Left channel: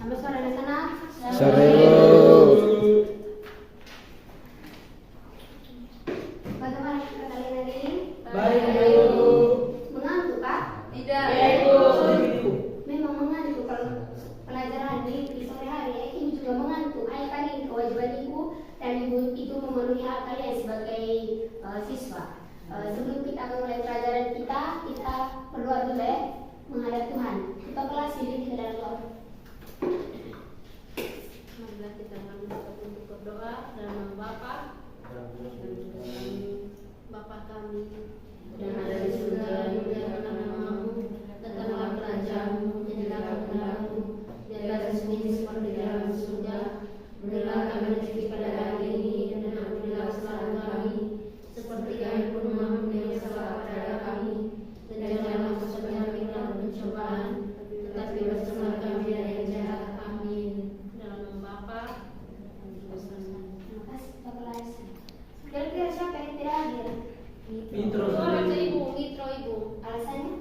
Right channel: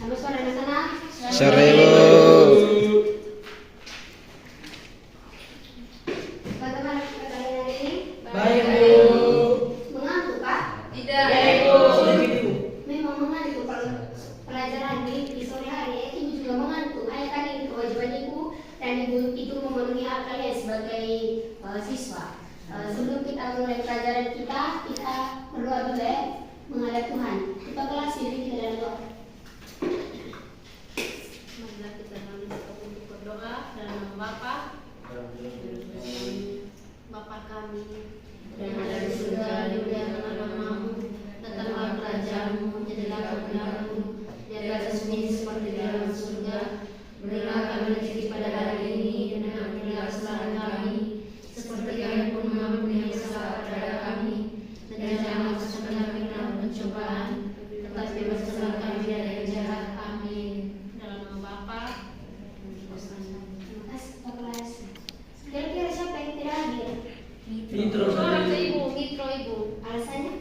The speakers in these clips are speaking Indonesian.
Sampai suara di sana. Seribu. Bagaimana kalian hari ini? Baik, Bu. Mengantuk kah? Tidak. Memang mengantuk kalau pelajaran di sore hari. Ibu juga mengantuk. Hanya kan ini kewajiban ibu dan ibu itu memenuhi hak kalian sebagai siswa. Sebelum kita mulai pelajaran kita berdoa dulu ya, menghadap Tuhan. Kita kelas diri kita dalam doa. Marilah kita untuk berdoa dalam nama Bapa Bapa kami yang ada di surga, dimuliakanlah namamu, datanglah kerajaanmu, jadilah kehendakmu di atas bumi seperti di dalam surga. Berilah kami rezeki pada hari ini dan ampunilah kesalahan kami, seperti kami pun mengampuni yang salah kepada kami, dan janganlah masukkan kami dalam pencobaan, tetapi bebaskanlah kami dari yang jahat. Amin. Dalam nama Bapa. Terima kasih Pak kelas. Kira-kira siapa yang tidak hadir? Mitro. Mitro Ibu. Alasannya?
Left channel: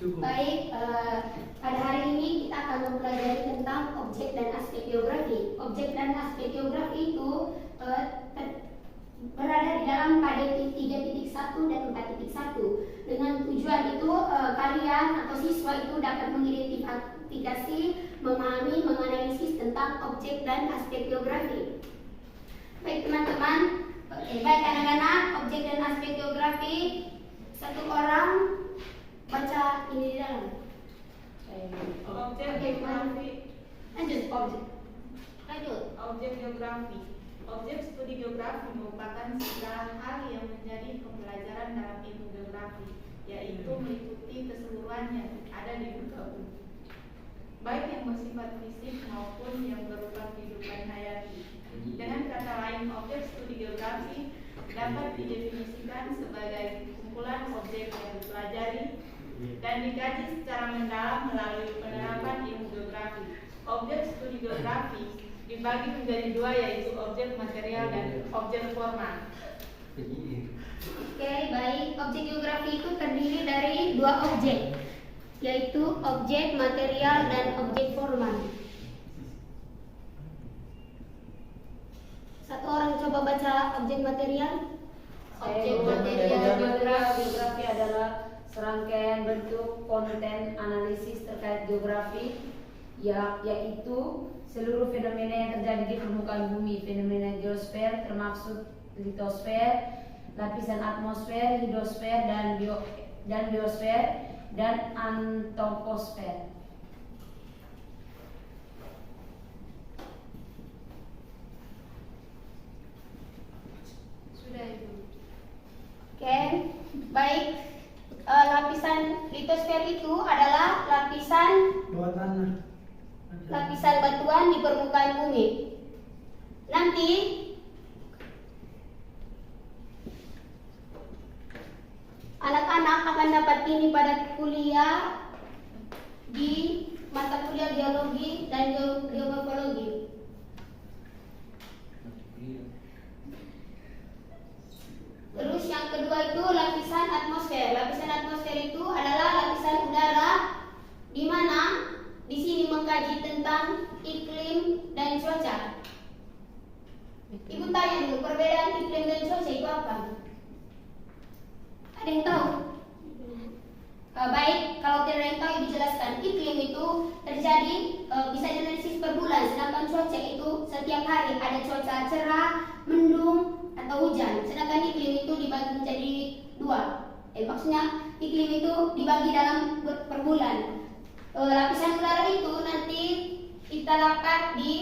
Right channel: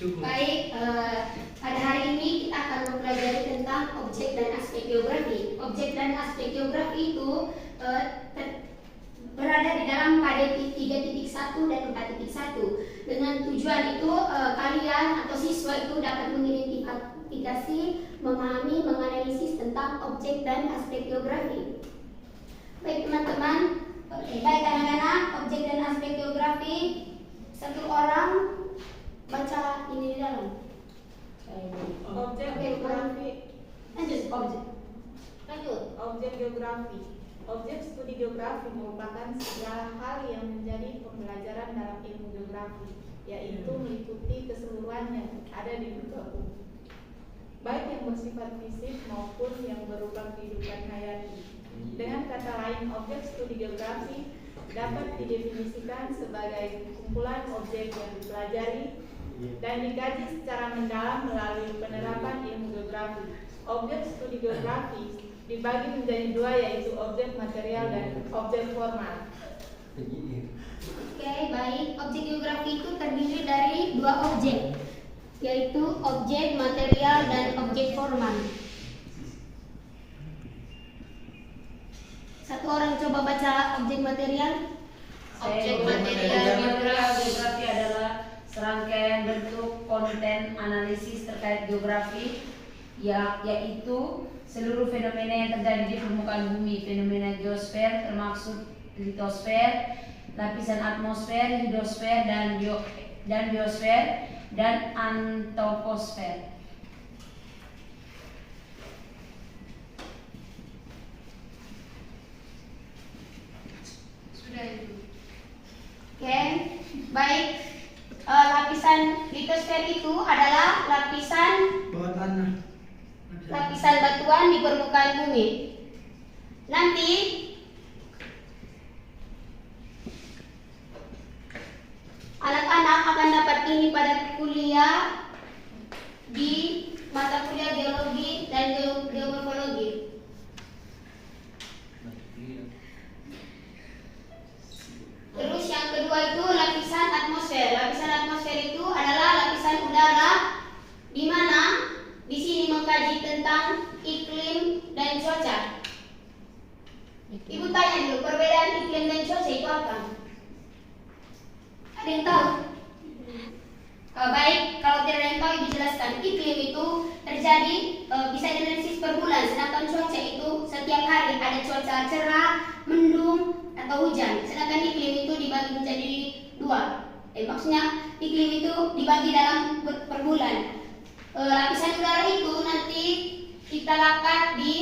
Cukup. Baik, pada hari ini kita akan mempelajari tentang objek dan aspek geografi. Objek dan aspek geografi itu berada di dalam KDP 3.1 dan 4.1. Dengan tujuan itu kalian atau siswa itu dapat mengidentifikasi, memahami, menganalisis tentang objek dan aspek geografi. Baik teman-teman, baik anak-anak, objek dan aspek geografi, satu orang baca ini di dalam. Objek geografi. Lanjut objek. Objek geografi. Objek studi geografi merupakan segala hal yang menjadi pembelajaran dalam ilmu geografi, yaitu meliputi keseluruhan yang ada di muka bumi, baik yang bersifat fisik maupun yang berupa kehidupan hayati. Dengan kata lain, objek studi geografi dapat didefinisikan sebagai kumpulan objek yang dipelajari dan dikaji secara mendalam melalui penerapan ilmu geografi. Objek studi geografi dibagi menjadi dua, yaitu objek material dan objek formal. Oke, baik. Objek geografi itu terdiri dari dua objek, yaitu objek material dan objek formal. Satu orang coba baca objek material. Objek material geografi adalah serangkaian bentuk konten analisis terkait geografi, yaitu seluruh fenomena yang terjadi di permukaan bumi. Fenomena geosfer termasuk litosfer, lapisan atmosfer, hidrosfer, dan biosfer, dan antroposfer. Sudah itu. Oke, baik. Lapisan litosfer itu adalah lapisan Bawah tanah. batuan di permukaan bumi. Nanti anak-anak akan dapat ini pada kuliah di mata kuliah geologi dan geomorfologi. Terus yang kedua itu lapisan atmosfer. Lapisan atmosfer itu adalah lapisan udara di mana di sini mengkaji tentang iklim dan cuaca. Ibu tanya dulu, perbedaan iklim dan cuaca itu apa? Ada yang tahu? Baik, kalau tidak ada yang tahu, Ibu jelaskan. Iklim itu terjadi bisa dianalisis per bulan, sedangkan cuaca itu setiap hari ada cuaca cerah, mendung, atau hujan. Sedangkan iklim itu dibagi menjadi dua. Maksudnya iklim itu dibagi dalam per bulan. Lapisan udara itu nanti kita lakukan di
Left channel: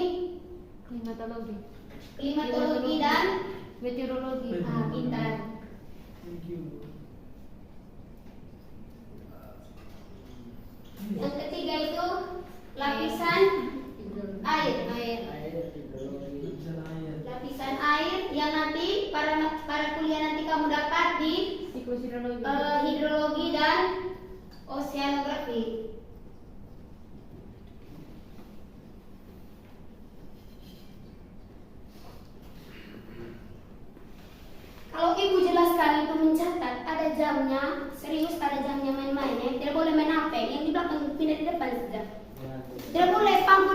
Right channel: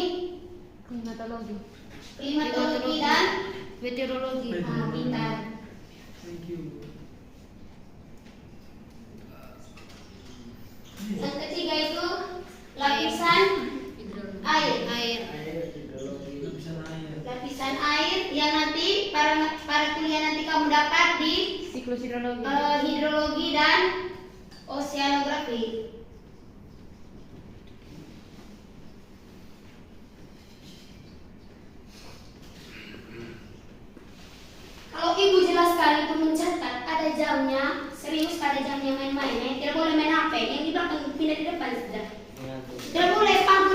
klimatologi dan meteorologi. pintar. Thank you. Yang ketiga itu lapisan air. Lapisan air yang nanti para kuliah nanti kamu dapat di Siklus hidrologi. hidrologi dan oceanografi. jamnya, serius pada jamnya main-main. Yang tidak boleh main HP, yang di belakang pindah di depan sudah. Tidak boleh pangku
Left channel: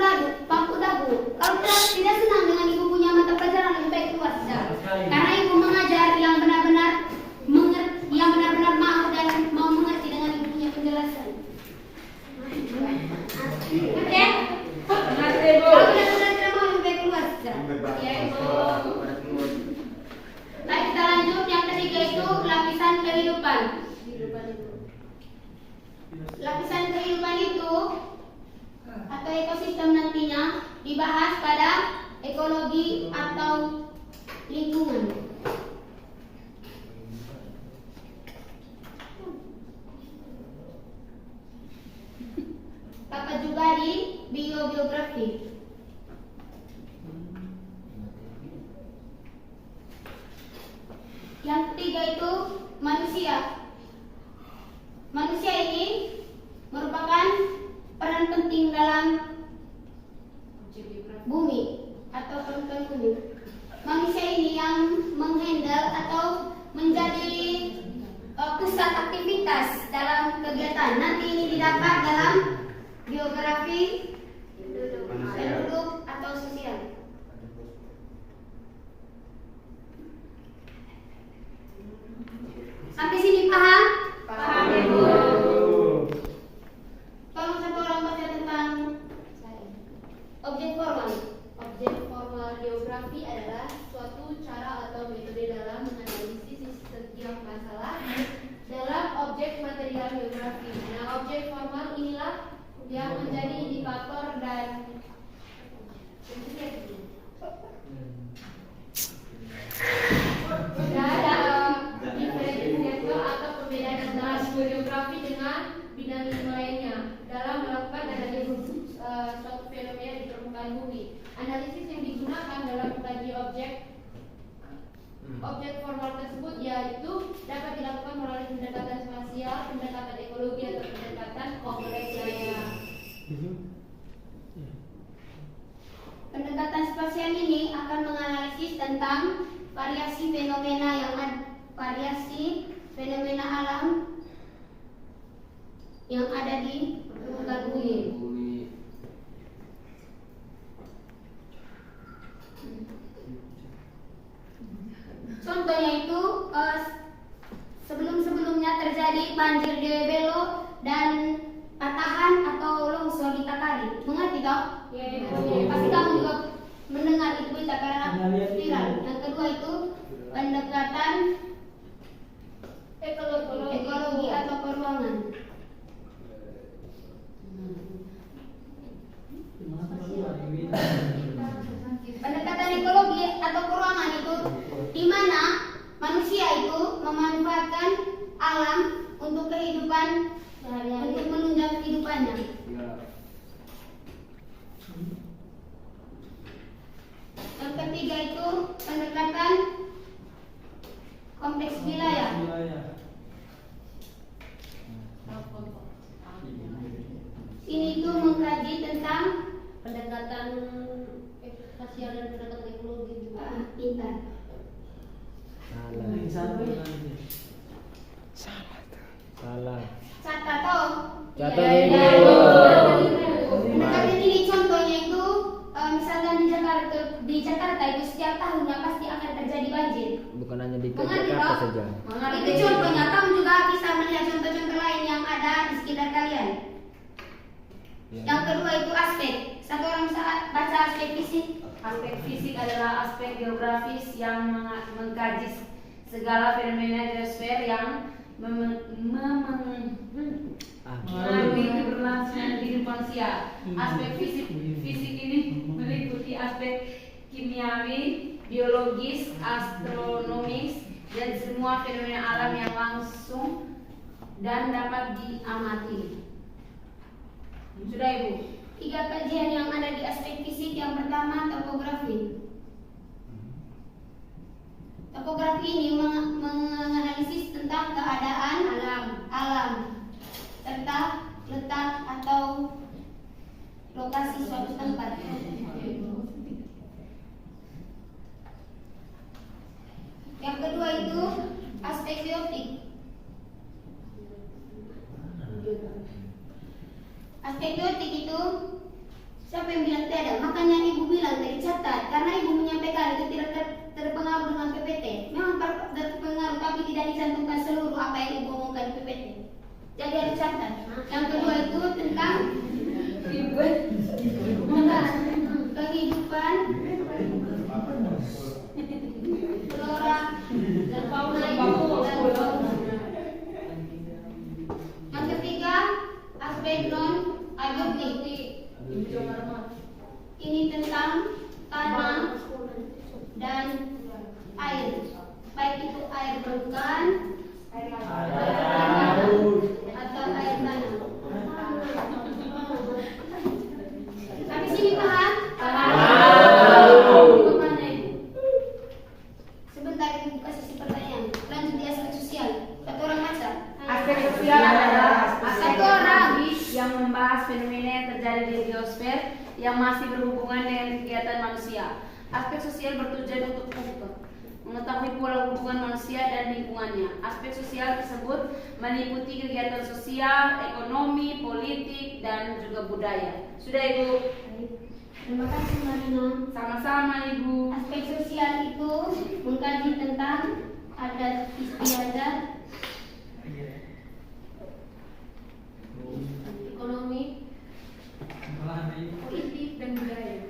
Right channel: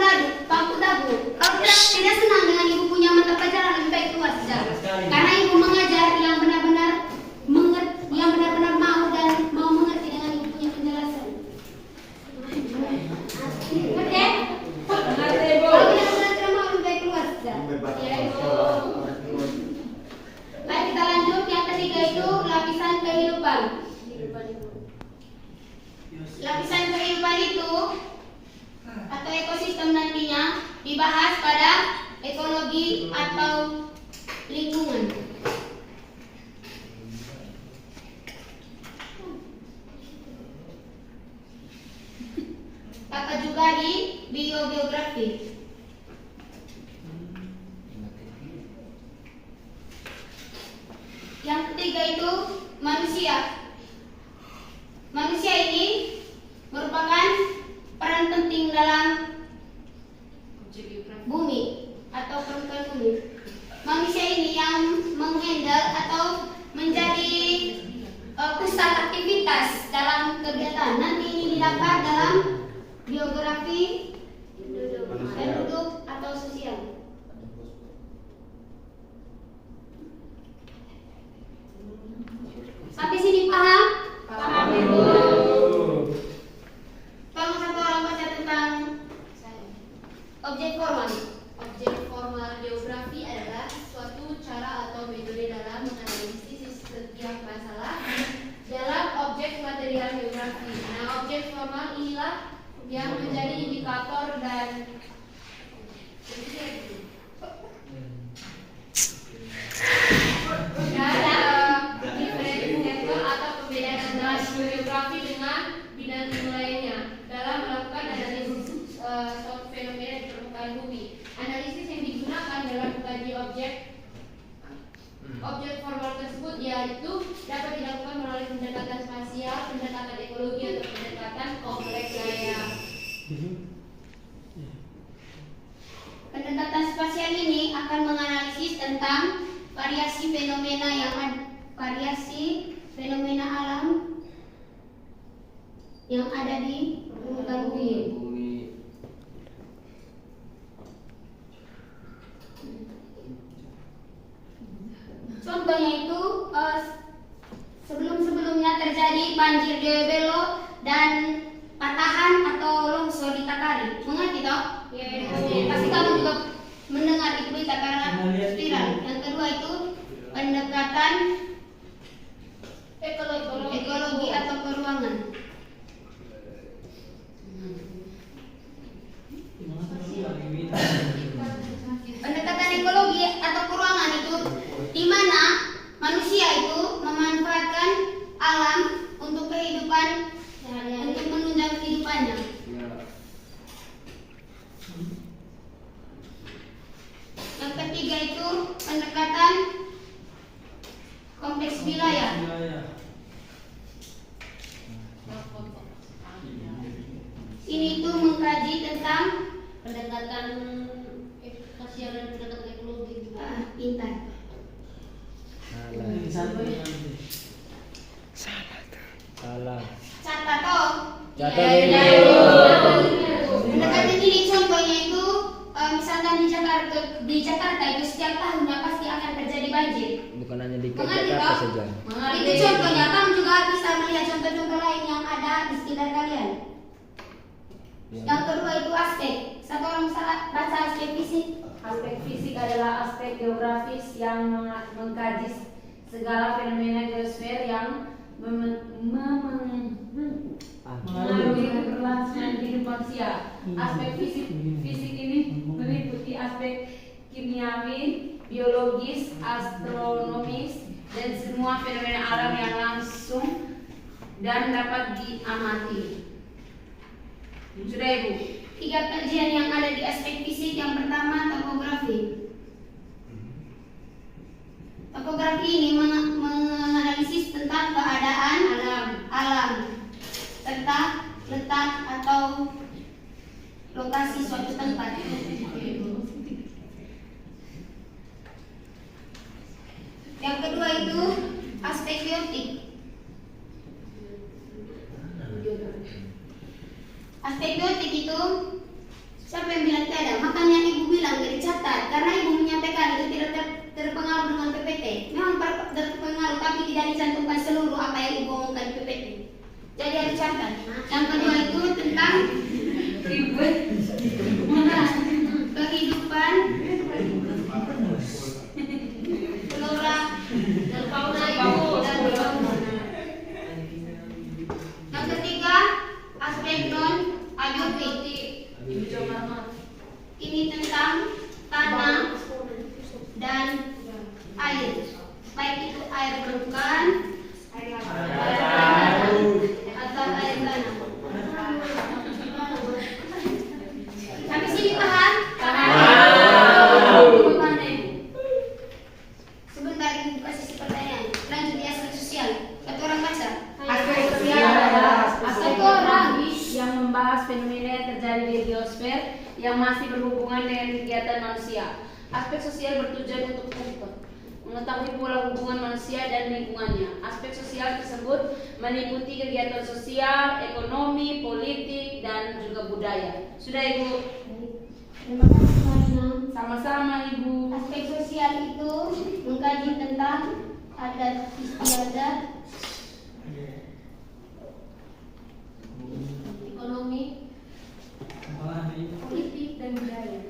dagu. Kalau tidak senang dengan ibu punya mata pelajaran, lebih baik keluar saja. Karena ibu mengajar yang benar-benar mau dan mau mengerti dengan ibu punya penjelasan. Oke? Kalau benar-benar tidak mau, lebih baik keluar saja. Ya, Ibu. Baik, kita lanjut. Yang ketiga itu lapisan kehidupan. Lapisan kehidupan itu atau ekosistem nantinya dibahas pada ekologi atau lingkungan. Kakak juga di biogeografi. Yang ketiga itu manusia. Manusia ini merupakan peran penting dalam bumi atau permukaan bumi. Manusia ini yang menghandle atau menjadi pusat aktivitas dalam kegiatan. Nanti ini didapat dalam biografi penduduk atau sosial. Sampai sini paham? Paham. Tolong satu orang baca tentang objek formal. Objek formal geografi adalah suatu cara atau metode dalam menganalisis setiap masalah dalam objek material geografi. Nah, objek formal inilah yang menjadi indikator dan diferensiator atau perbedaan antara geografi dengan bidang ilmu lainnya dalam melakukan analisis suatu fenomena di permukaan bumi. Analisis yang digunakan dalam mengkaji objek formal tersebut yaitu dapat dilakukan melalui pendekatan spasial, pendekatan ekologi atau pendekatan kompleks lainnya. Pendekatan spasial ini akan menganalisis tentang variasi fenomena alam yang ada di permukaan bumi. Contohnya itu sebelum-sebelumnya terjadi banjir di Belo dan patahan atau longsor di Takari. Mengerti toh? Ya, Pasti kamu juga mendengar itu berita karena viral. Yang kedua itu pendekatan ekologi atau peruangan. Pendekatan ekologi atau peruangan itu di mana manusia itu memanfaatkan alam untuk kehidupan untuk menunjang kehidupannya. Yang ketiga itu pendekatan kompleks wilayah. Ini itu mengkaji tentang pendekatan sosial dan pendekatan ekologi. pintar. Salah. Catat toh. Catat Ya, ini. pendekatan ini contohnya itu misalkan di Jakarta itu setiap tahunnya pasti akan terjadi banjir. Bukan hanya di Mengerti Jakarta toh? saja. Itu contohnya, kamu juga bisa melihat contoh-contoh lain yang ada di sekitar kalian. Ya. Yang kedua itu aspek. Satu orang bisa baca aspek fisik. Aspek fisik adalah aspek geografis yang mengkaji segala fenomena geosfer yang mengaruhi keberlangsungan hidup manusia. Aspek fisik ini meliputi aspek kimiawi, biologis, astronomis, dan semua fenomena alam yang langsung dan dapat diamati. Sudah, Ibu? 3 kajian yang ada di aspek fisik. Yang pertama topografi. Topografi ini menganalisis tentang keadaan alam serta letak atau lokasi suatu tempat. Yang kedua itu aspek biotik. permukaan atau air tanah? Sampai sini paham? Mana Ibu? Sebentar Ibu buka sisi pertanyaan. Lanjut di aspek sosial. Satu orang baca. Aspek sosial adalah Satu aspek orang. yang membahas fenomena yang terjadi di geosfer yang masih berhubungan dengan kegiatan manusia. Aspek sosial bertujuan untuk mengetahui pola hubungan manusia dan lingkungannya. Aspek sosial tersebut meliputi kegiatan sosial, ekonomi, politik, dan juga budaya. Sudah Ibu? Terima kasih Marina. Sama-sama Ibu. Aspek sosial itu mengkaji tentang adat istiadat, ekonomi, politik, dan budaya.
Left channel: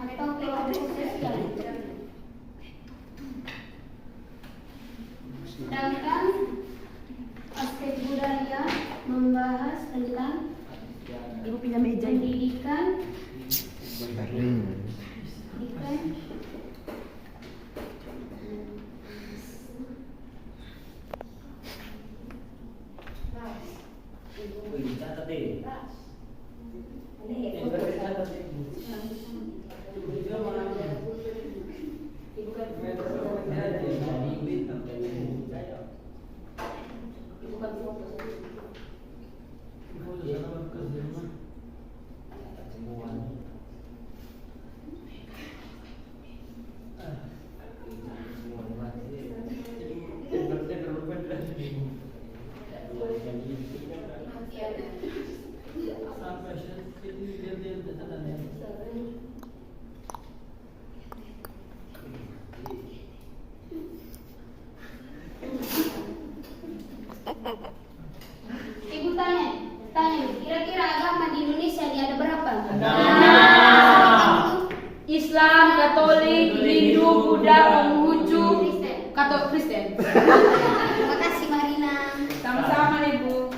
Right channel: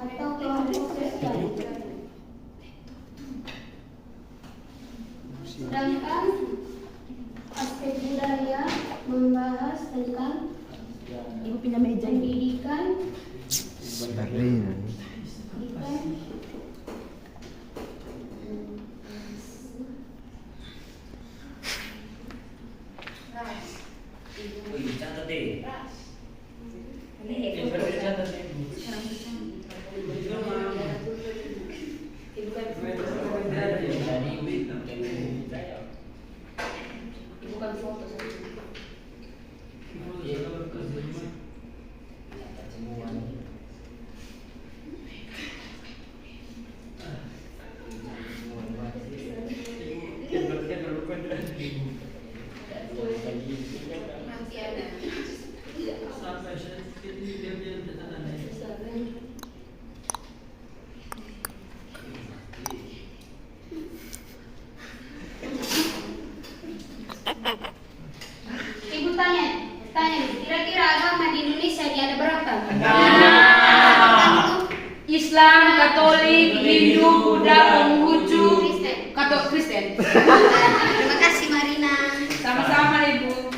Atau kelompok sosial. Sedangkan aspek budaya membahas tentang pendidikan, Ibu tanya, kira-kira agama di Indonesia ini ada berapa? Islam, Katolik, Hindu, Buddha, Konghucu, Kristen. Terima kasih Marina. Sama-sama Ibu.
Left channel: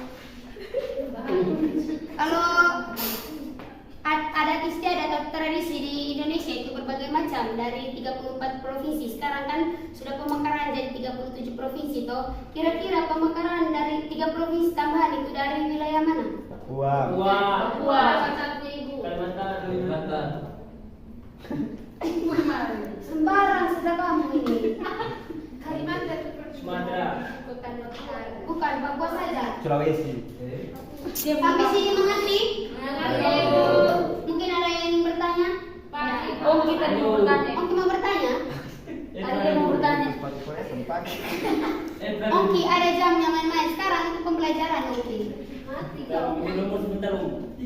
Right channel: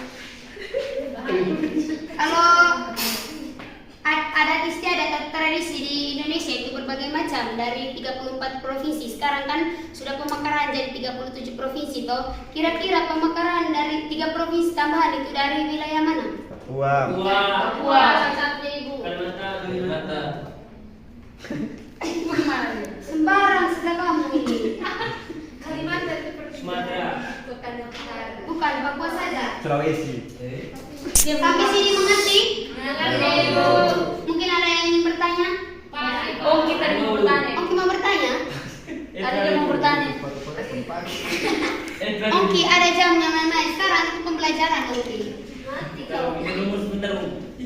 Kalau adat istiadat atau tradisi di Indonesia itu berbagai macam dari 34 provinsi. Sekarang kan sudah pemekaran jadi 37 provinsi toh. Kira-kira pemekaran dari 3 provinsi tambahan itu dari wilayah mana? Papua satu-satunya Ibu. Kalimantan. Sembarang sudah kamu ini. Kalimantan Sumatera. Bukan Papua saja. Sulawesi. Sampai sini mengerti? Mengerti, Ibu. Mungkin ada yang ingin bertanya? Oh, kita mau bertanya. Oki mau bertanya? Ada yang mau bertanya. Oki ada jamnya main-main. Sekarang itu pembelajaran Oki.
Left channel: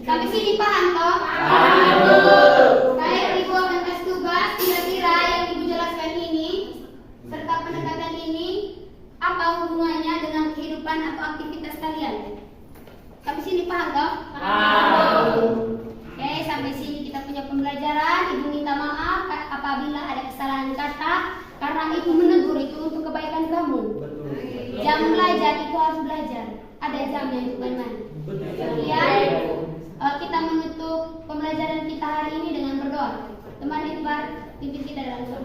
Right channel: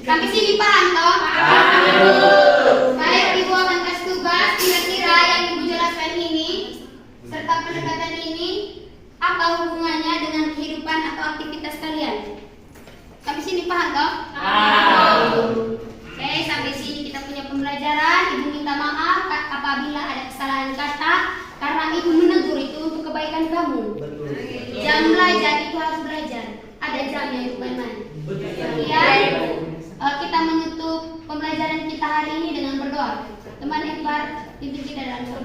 Sampai sini paham toh? Baik, Ibu akan kasih tugas. Kira-kira yang Ibu jelaskan ini serta pendekatan ini apa hubungannya dengan kehidupan atau aktivitas kalian? Sampai sini paham toh? Oke, sampai sini kita punya pembelajaran. Ibu minta maaf apabila ada kesalahan kata karena Ibu menegur itu untuk kebaikan kamu. Jam belajar itu harus belajar. Ada jamnya itu main-main. Kemudian kita menutup pembelajaran kita hari ini dengan berdoa. Teman Ekbar, pimpin kita dalam doa.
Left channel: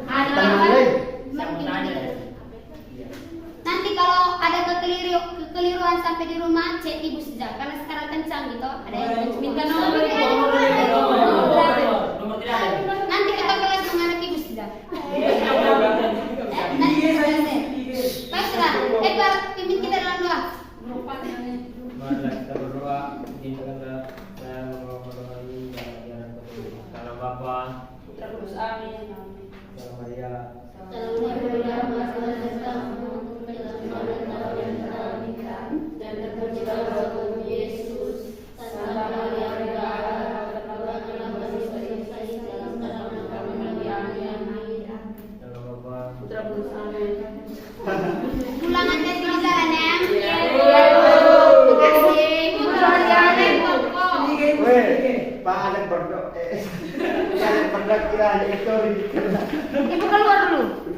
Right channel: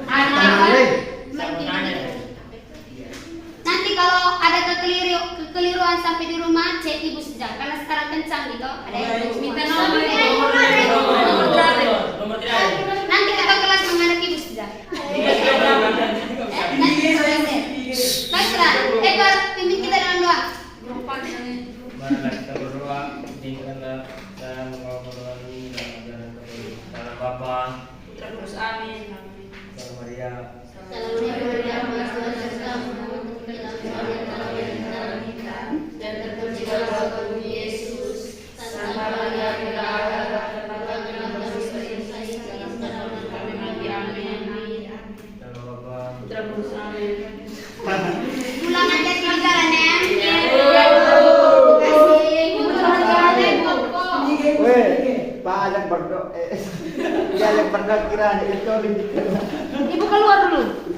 Nanti kalau ada kekeliruan sampai di rumah, cek Ibu saja. Karena sekarang kencang gitu. Ada yang Minta nomor Ibu. nanti kita kelas menghadap Ibu saja. Baiklah, Ekbar, pimpin kita dalam doa. Marilah kita berdoa, izinkanlah saya membawa pertolongan ini dalam ajaran Tuhan. Dalam Bapa, Terus amin. dalam Maria, dan terpujilah Tuhan Yesus, Santa Maria Bunda Allah, dalam Bapa, Putra Kudus amin. Ulangan tes pelajaran ya. Terima kasih. Ibu pelajaran pokok. Pak ada berdoa. Dia ada berdoa kira itu Ibu keluar dulu.